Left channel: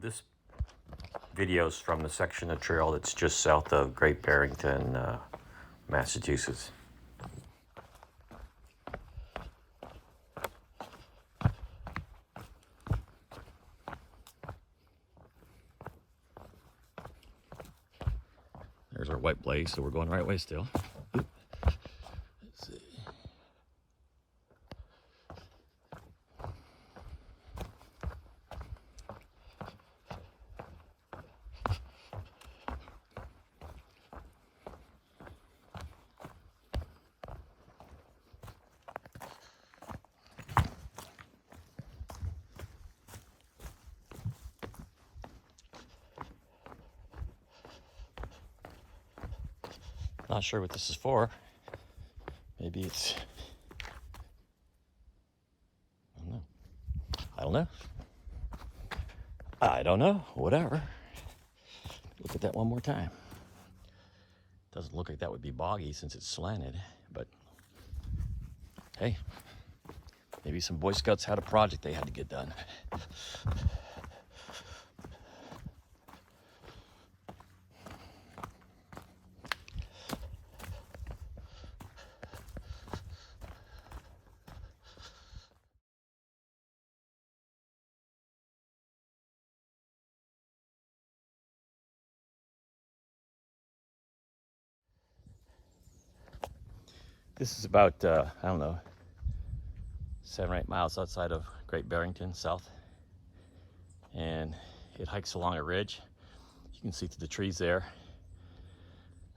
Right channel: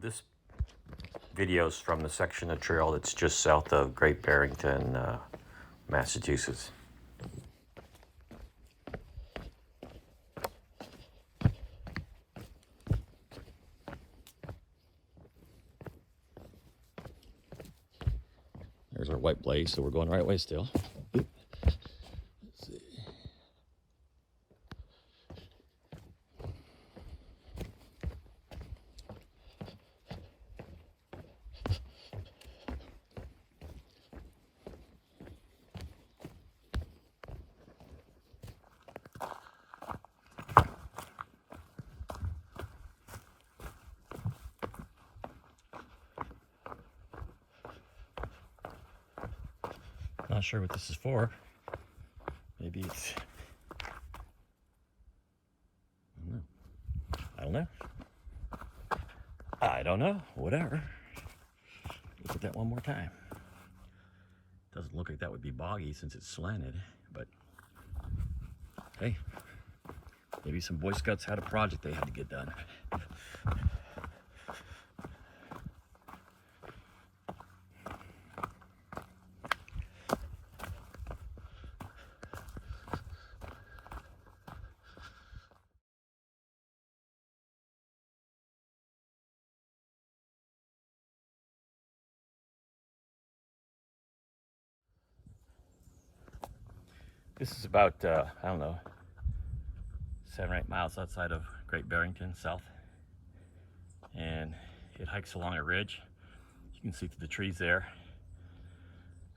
This video is from the section of trail that's just south of Great Barrington, Massachusetts. There's our white blaze, so we're going the right way still. Oop. Let's see. Not sure what this is for. Maybe it's, I don't know. I don't know. Whatever. Look at that one more time. Doesn't look like that would be boggy since it's slanted, but hey, maybe some Boy Scouts had a project they had to get done. This is about, I don't know, 7 or 8 miles outside of Great Barrington, south. And it hikes along a ridge. You can see through the trees there.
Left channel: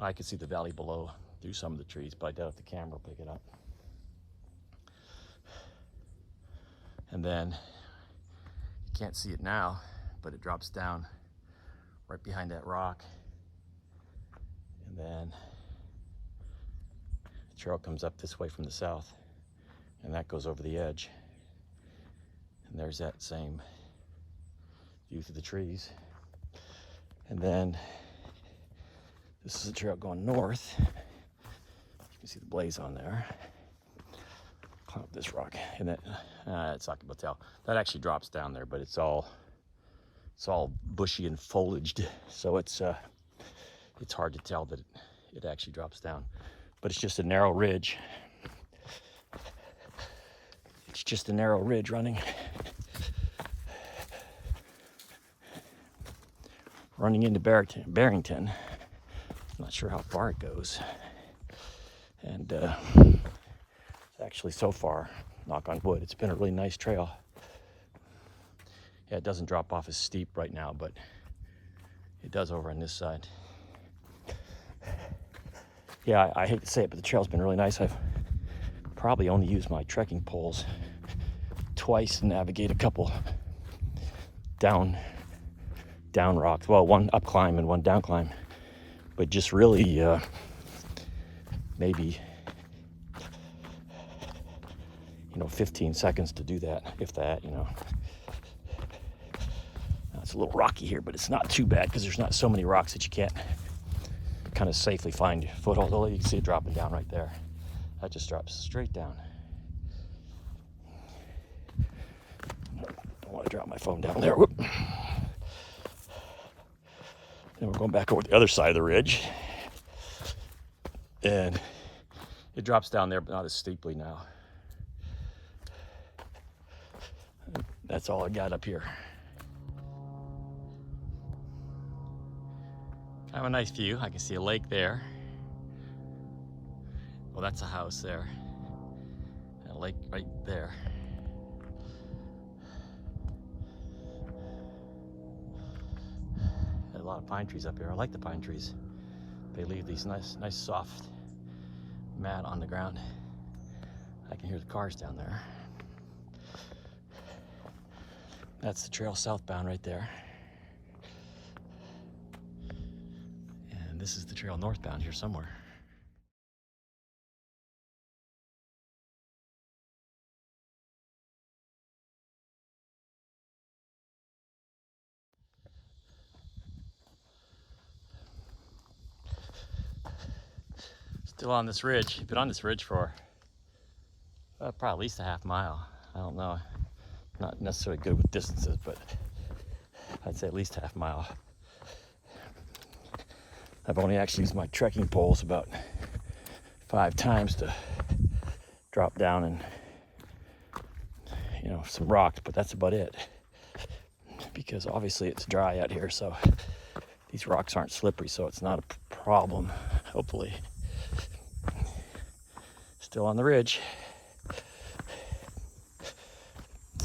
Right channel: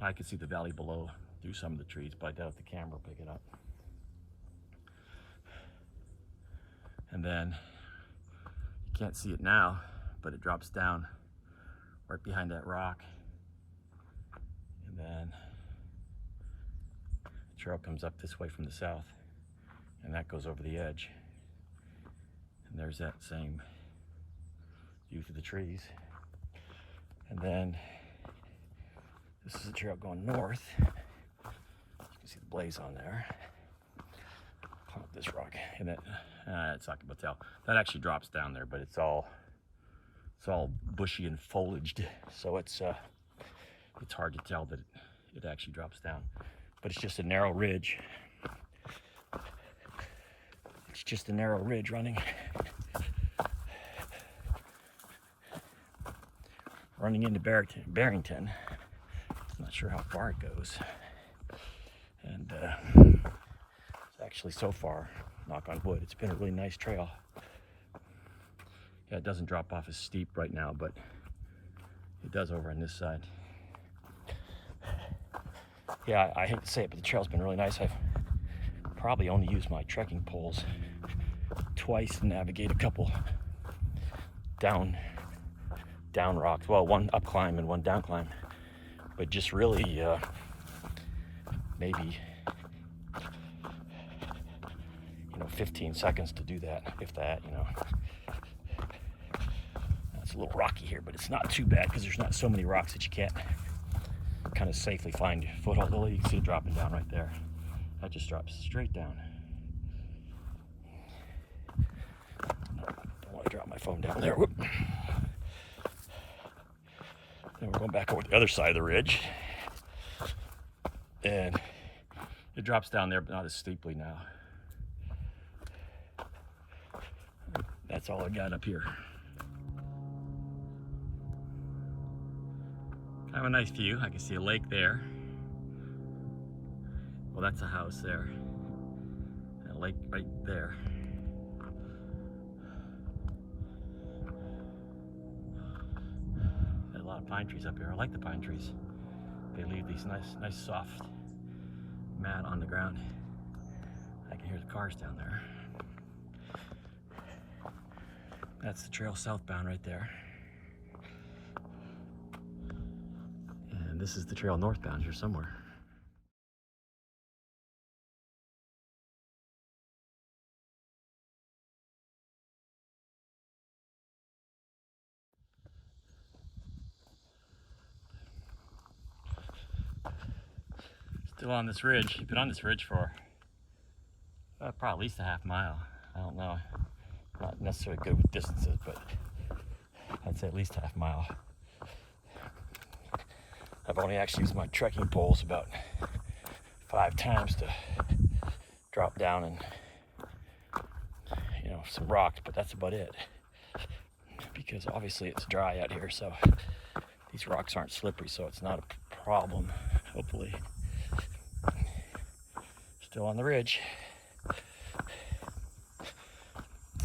I can see the valley below through some of the trees, but I doubt if the camera will pick it up. And then, you can't see it now, but it drops down right behind that rock. And then the trail comes up this way from the south, and that goes over the edge. And there's that same view through the trees. And then this is a trail going north. You can see the blaze on there. Climb up this rock, and then it's not gonna tell. That actually drops down there, but it's all bushy and foliaged, so it's hard to tell that it actually drops down. But it's just a narrow ridge. It's just a narrow ridge running into Barrington. I'm not sure how far it goes. And actually so far, knock on wood, it's been a really nice trail. Yeah, it doesn't drop off as steep right now, but it does over on this side. Yeah, I hate to say it, but the trail's been really nice. I've probably only used my trekking poles twice to navigate a couple down rocks. Well, one up climb and one down climb, but just really maybe 15 seconds to do that, if that. It's a little rocky here, but it's not too bad because there's not so many rocks that you can't kind of safely find your foothold. Although you can see it dropping down right there. That just drops straight down. Don't want to drop my phone down there. Whoop. Then we're going back over the other side of the ridge. And it drops down there, but not as steeply now. That's all I got up here. Kind of a nice view. I can see a lake there. Well, that's a house there. And a lake right there. Got a lot of pine trees up here. I like the pine trees. They leave these nice soft mat on the ground. I can hear the cars down there. That's the trail southbound right there. And this is the trail northbound here somewhere. Still on this ridge. You've been on this ridge for probably at least a half mile. I don't know. Not necessarily good with distances, but I'd say at least half mile. I've only actually used my trekking poles about 5 times to drop down and, you know, some rocks, but that's about it. Because obviously it's dry out here, so these rocks aren't slippery, so it's not a problem, hopefully. Still on the ridge.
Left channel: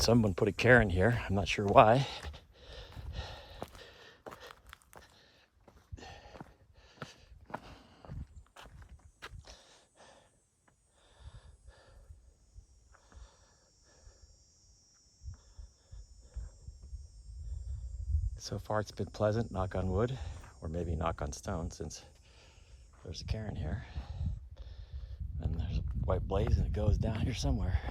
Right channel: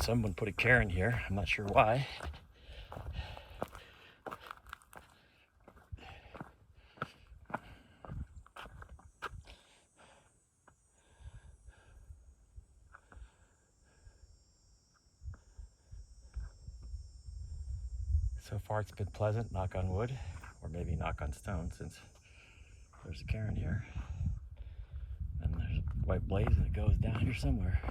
Someone put a cairn here, I'm not sure why. So far it's been pleasant, knock on wood, or maybe knock on stone, since there's a cairn here. And there's a white blaze and it goes down here somewhere.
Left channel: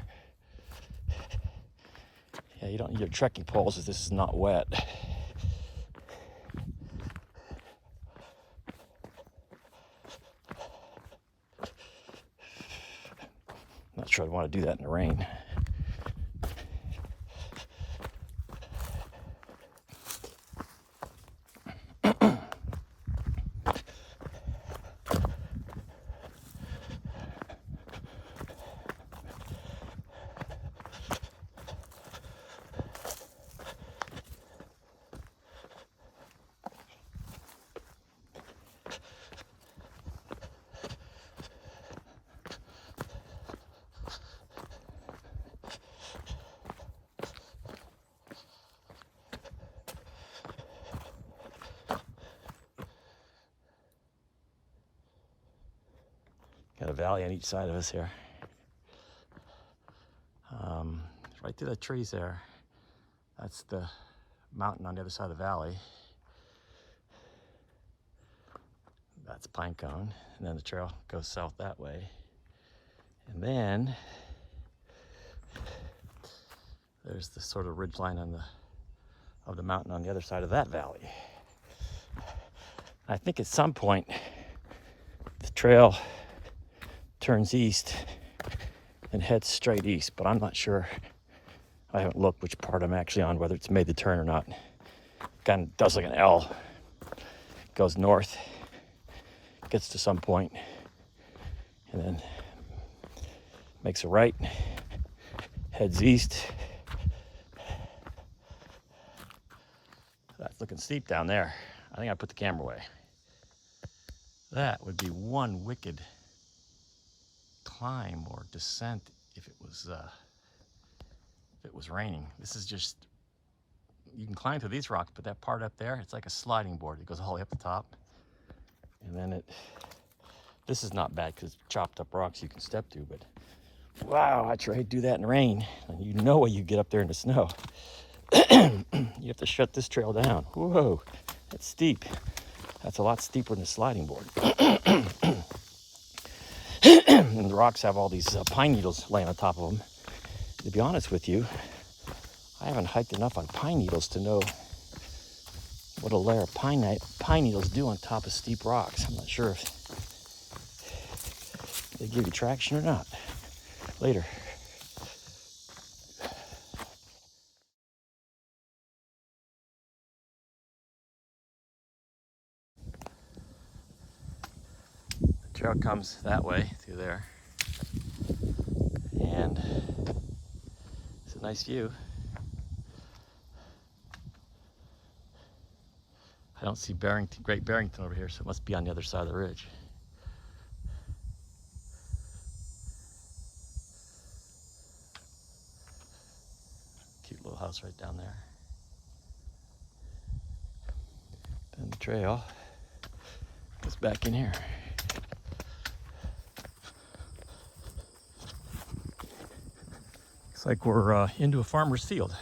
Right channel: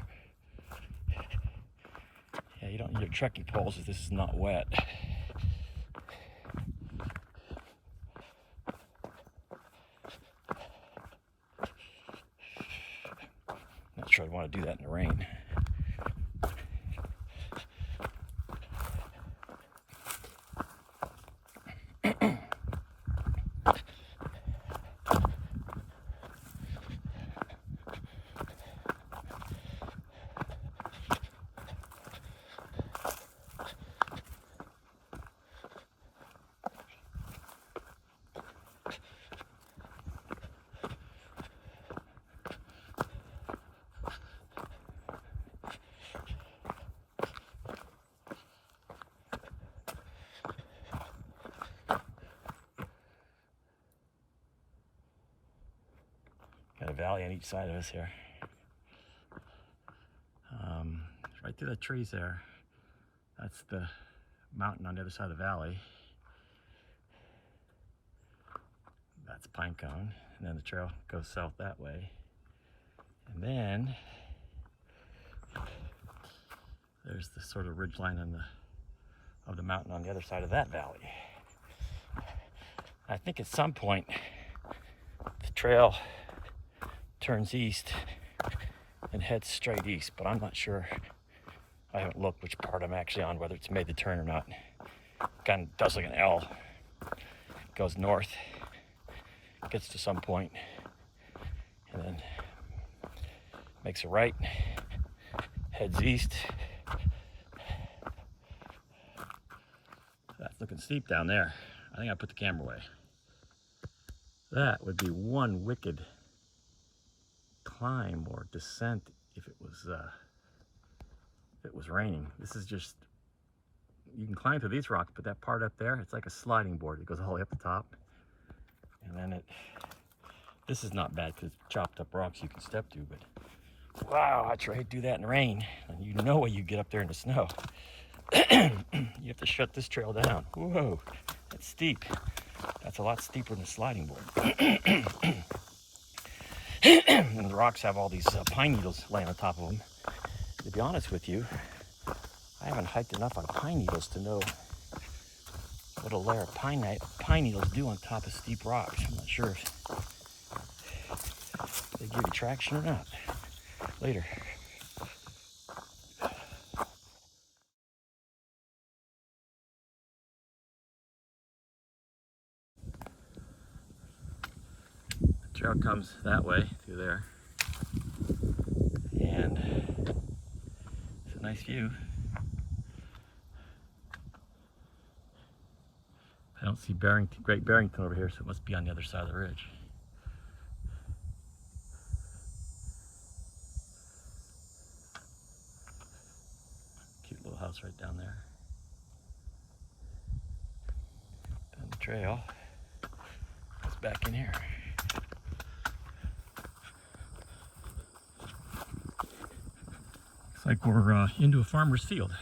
Yeah, you don't need your trekking poles if this is not wet. Not sure I'd want to do that in the rain. Got a valley on each side of us here. Right through the trees there. That's the mountain on the other side of the valley. That's Pine Cone. And then the trail goes south that way. And then there's the sort of ridge line on of the mountain on the other side of that valley. I think at some point the trail turns east and heads straight east, but I'm not sure. I haven't looked which part I'm actually on, whether it's made the turn or not. Kind of does like an L. Goes north, gets to some point, and then makes a right, heads east. That's looking steep down there. I think I put the camera away. That would be one wicked climb or descent if it was raining. This is just, you can climb through these rocks, but that part up there, it's like a sliding board. It goes all the way up the top, and then this is not bad because it's chopped up rocks you can step to, but wow, I tried to do that in the rain, and you know when you get up there in the snow. You have to shut this trail down. Whoa, that's steep. That's a lot steeper than a sliding board. And the rocks have all these pine needles laying on top of them. To be honest with you, I haven't hiked enough on pine needles to know what a layer of pine needles do on top of steep rocks. I'm not sure if they give you traction or not. Later. The trail comes that way through there, and it's a nice view. I don't see Barrington, Great Barrington over here, so it must be on the other side of the ridge. Cute little house right down there. Then the trail goes back in here. Looks like we're into a farmer's field.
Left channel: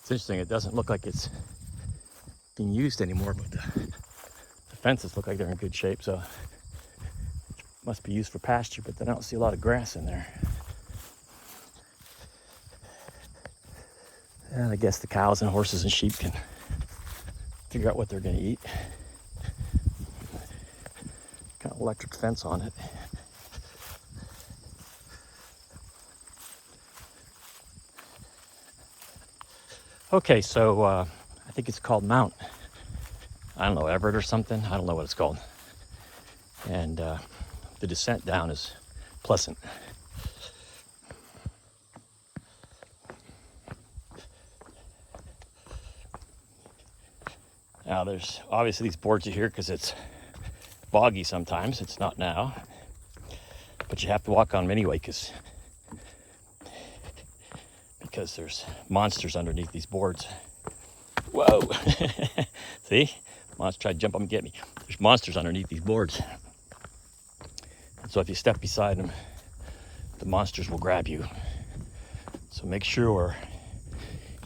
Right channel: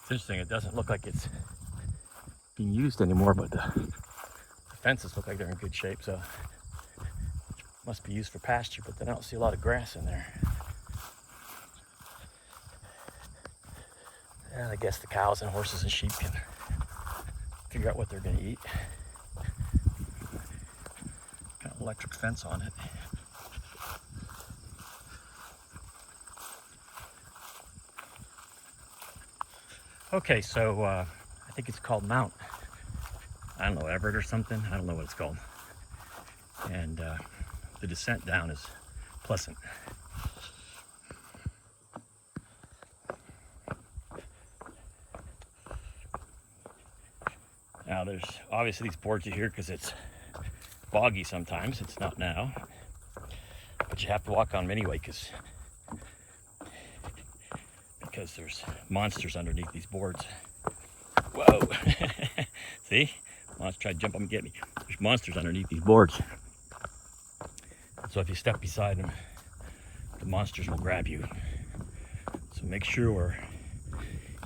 It's interesting, it doesn't look like it's being used anymore, but the fences look like they're in good shape, so it must be used for pasture, but I don't see a lot of grass in there. And I guess the cows and horses and sheep can figure out what they're going to eat. Got an electric fence on it. Okay, so I think it's called Mount, I don't know, Everett or something. I don't know what it's called. And the descent down is pleasant. Now there's obviously these boards are here because it's boggy sometimes. It's not now. But you have to walk on them anyway because there's monsters underneath these boards. Whoa! See? Monster tried to jump up and get me. There's monsters underneath these boards. So if you step beside them, the monsters will grab you. So make sure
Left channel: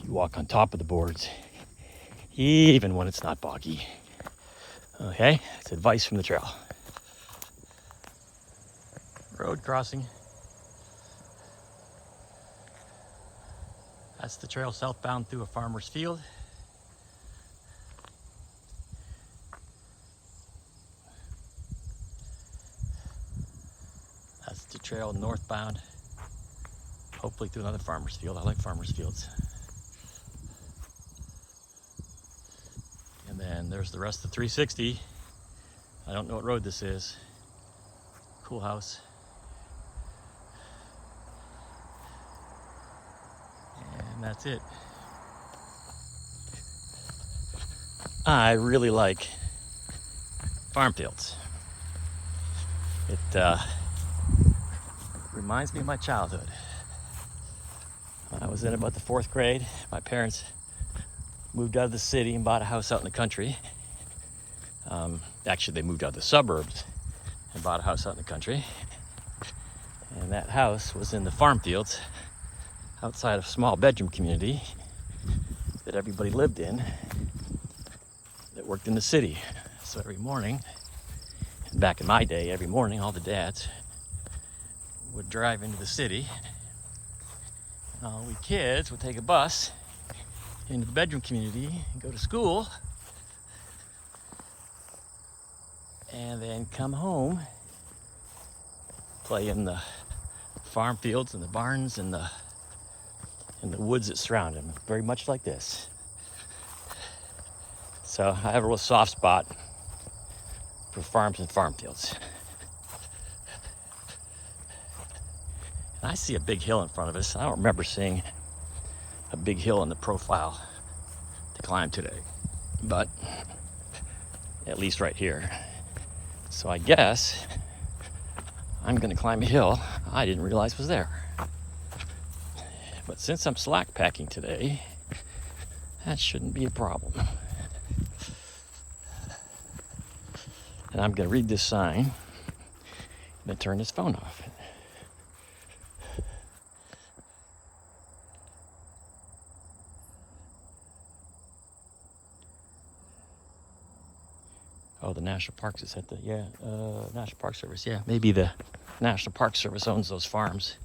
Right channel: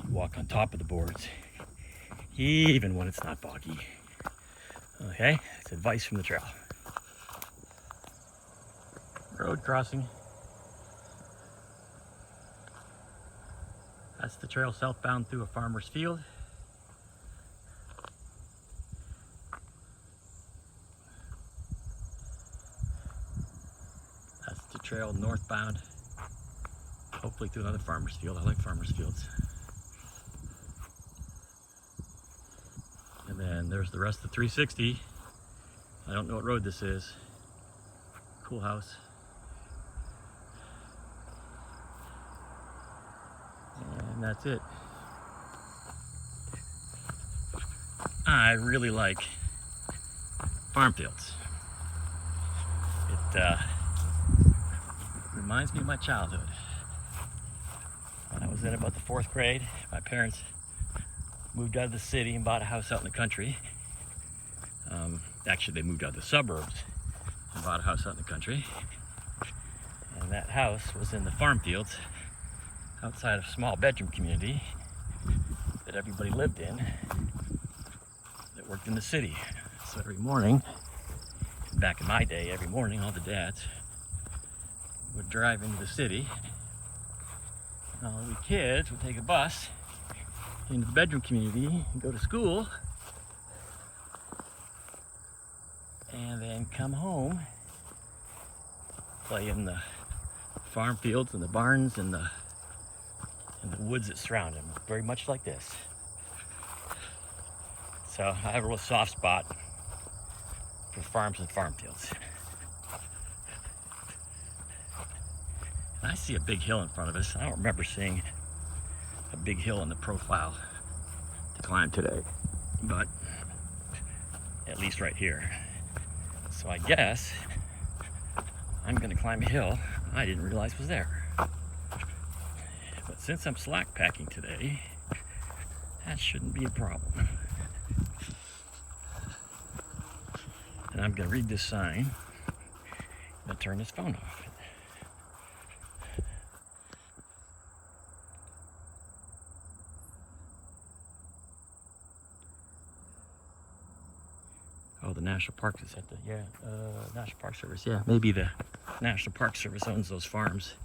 you walk on top of the boards, even when it's not boggy. Okay? It's advice from the trail. Road crossing. That's the trail southbound through a farmer's field. That's the trail northbound, hopefully through another farmer's field. I like farmer's fields. And then there's the rest of 360. I don't know what road this is. Cool house. And that's it. I really like farm fields. It reminds me of my childhood. When I was in about the 4th grade, my parents moved out of the city and bought a house out in the country. Actually, they moved out of the suburbs and bought a house out in the country. And that house was in the farm fields outside of a small bedroom community that everybody lived in that worked in the city. So every morning, back in my day, every morning all the dads would drive into the city. And all we kids would take a bus into the bedroom community and go to school. And then come home, play in the farm fields and the barns and the woods that surround them, very much like this. So I have a real soft spot for farms and farm fields. And I see a big hill in front of us. I don't remember seeing a big hill in the profile to climb today, but at least right here. So I guess I'm gonna climb a hill I didn't realize was there. But since I'm slack packing today, that shouldn't be a problem. And I'm gonna read this sign and turn this phone off. Oh, the National Parks is at the, National Park Service. Yeah, maybe the National Park Service owns those farms,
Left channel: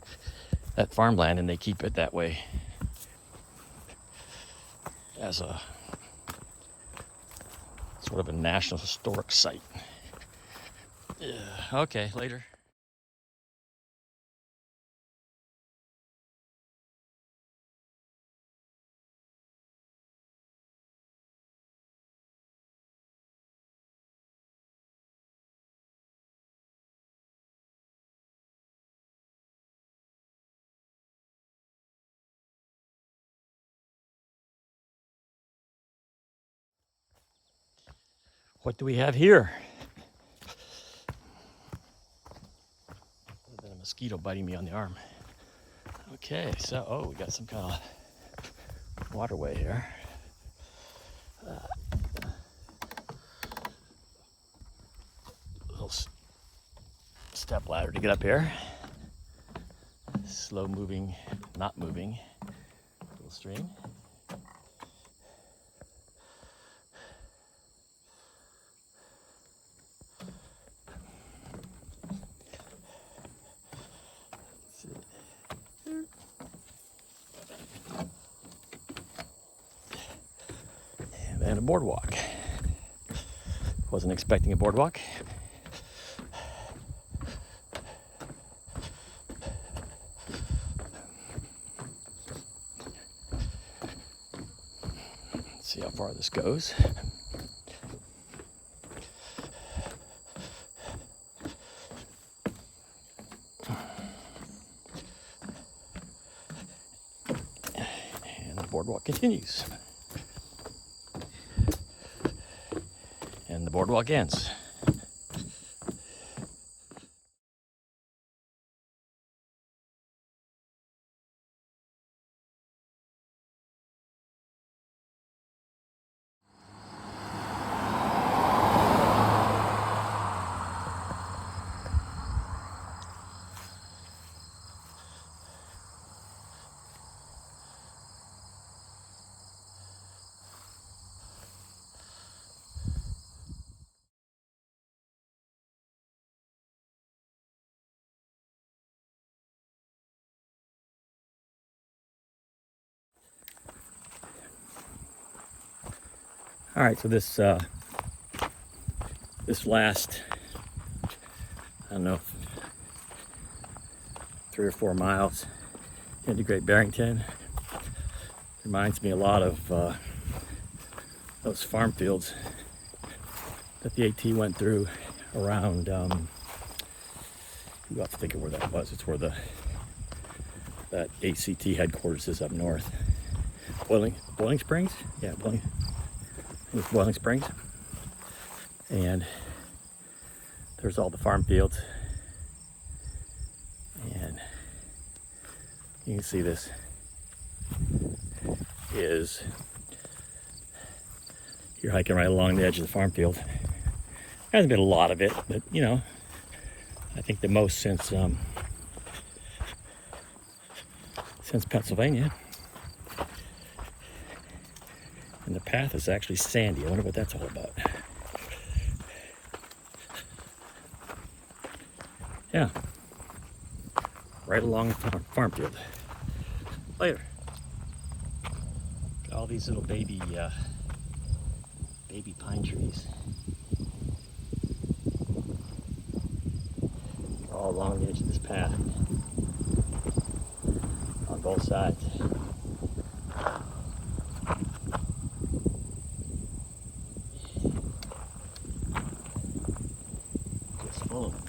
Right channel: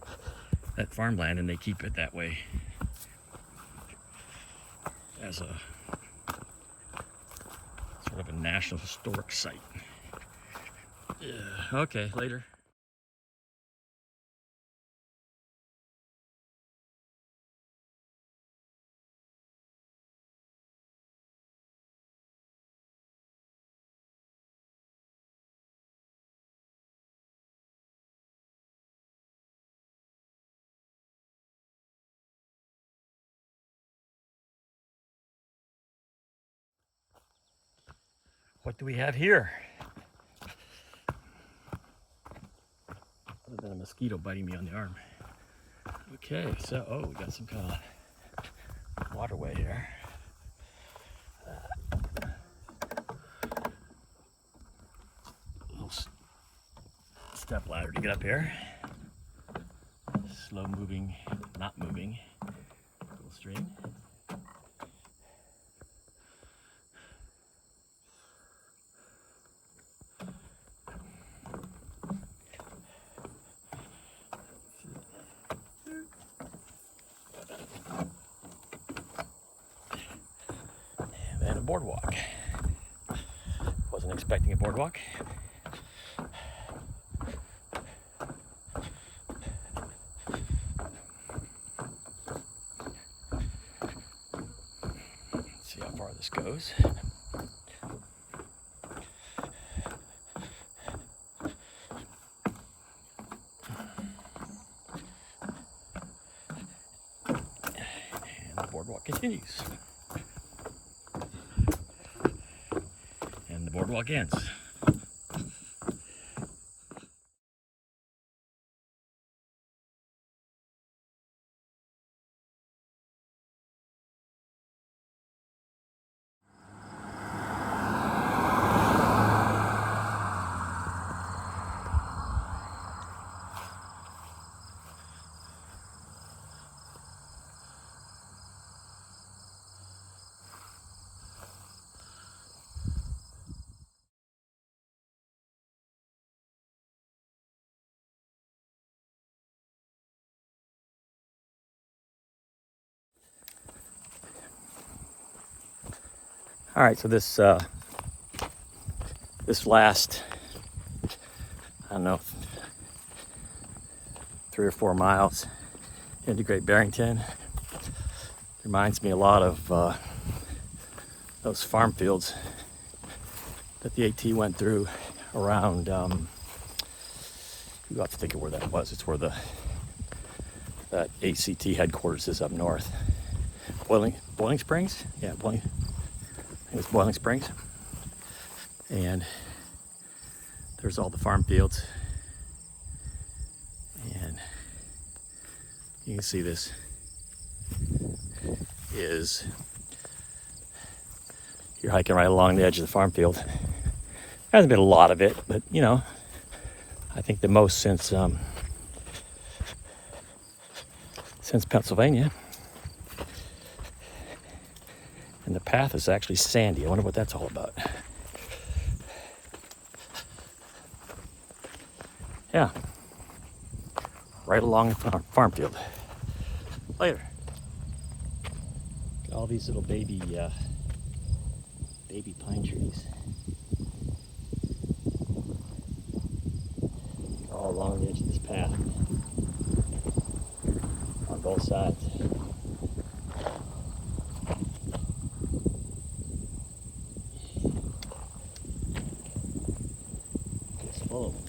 that farmland, and they keep it that way as a sort of a national historic site. Yeah, okay, later. What do we have here? A mosquito biting me on the arm. Okay, so, oh, we got some kind of waterway here. Little step ladder to get up here. Slow moving, not moving, little stream. And a boardwalk. Wasn't expecting a boardwalk. far this goes. And the boardwalk continues. And the boardwalk ends. All right, so this last, I don't know, 3 or 4 miles into Great Barrington reminds me a lot of those farm fields that the AT went through around, you have to think of where that was. It's where that ACT headquarters is up north. Boiling Springs? Yeah, it's Boiling Springs. And there's all the farm fields. And you can see this is, you're hiking right along the edge of the farm field. There hasn't been a lot of it, but you know, I think the most since Pennsylvania. And the path is actually sandy. I wonder what that's all about. Yeah, right along the farm field. Later. Got all these little baby pine trees all along the edge of this path on both sides. Just full of them.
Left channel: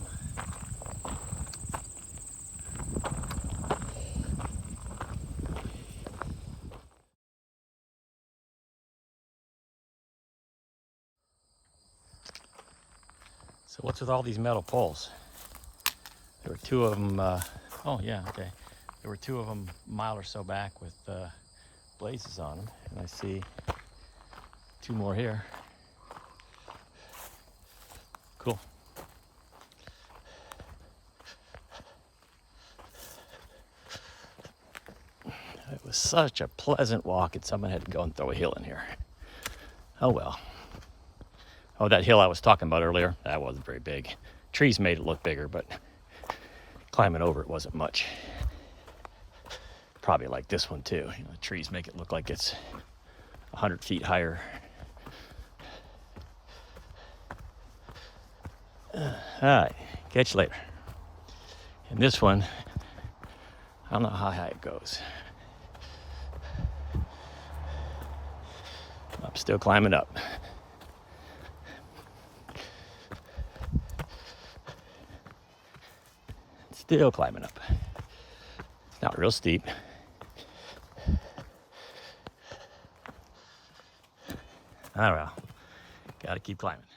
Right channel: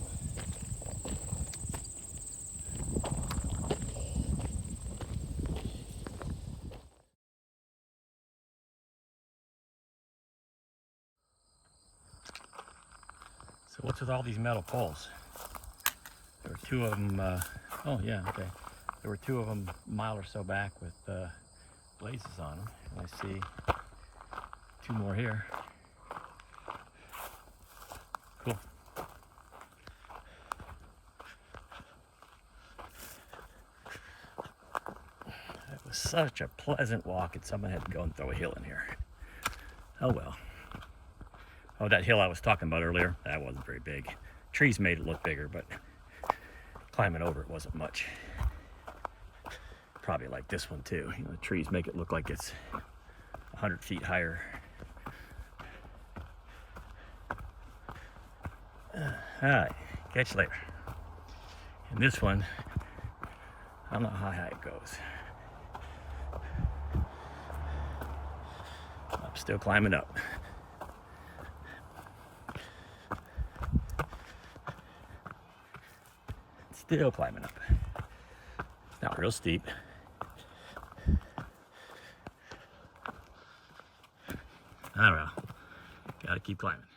So what's with all these metal poles? There were 2 of them, oh yeah, okay. There were 2 of them a mile or so back with blazes on them. And I see 2 more here. Cool. It was such a pleasant walk, and someone had to go and throw a hill in here. Oh well. Oh, that hill I was talking about earlier, that wasn't very big. Trees made it look bigger, but climbing over it wasn't much. Probably like this one too. You know, the trees make it look like it's 100 feet higher. All right, catch you later. And this one, I don't know how high it goes. I'm still climbing up. Still climbing up. Not real steep. I don't know. Gotta keep climbing.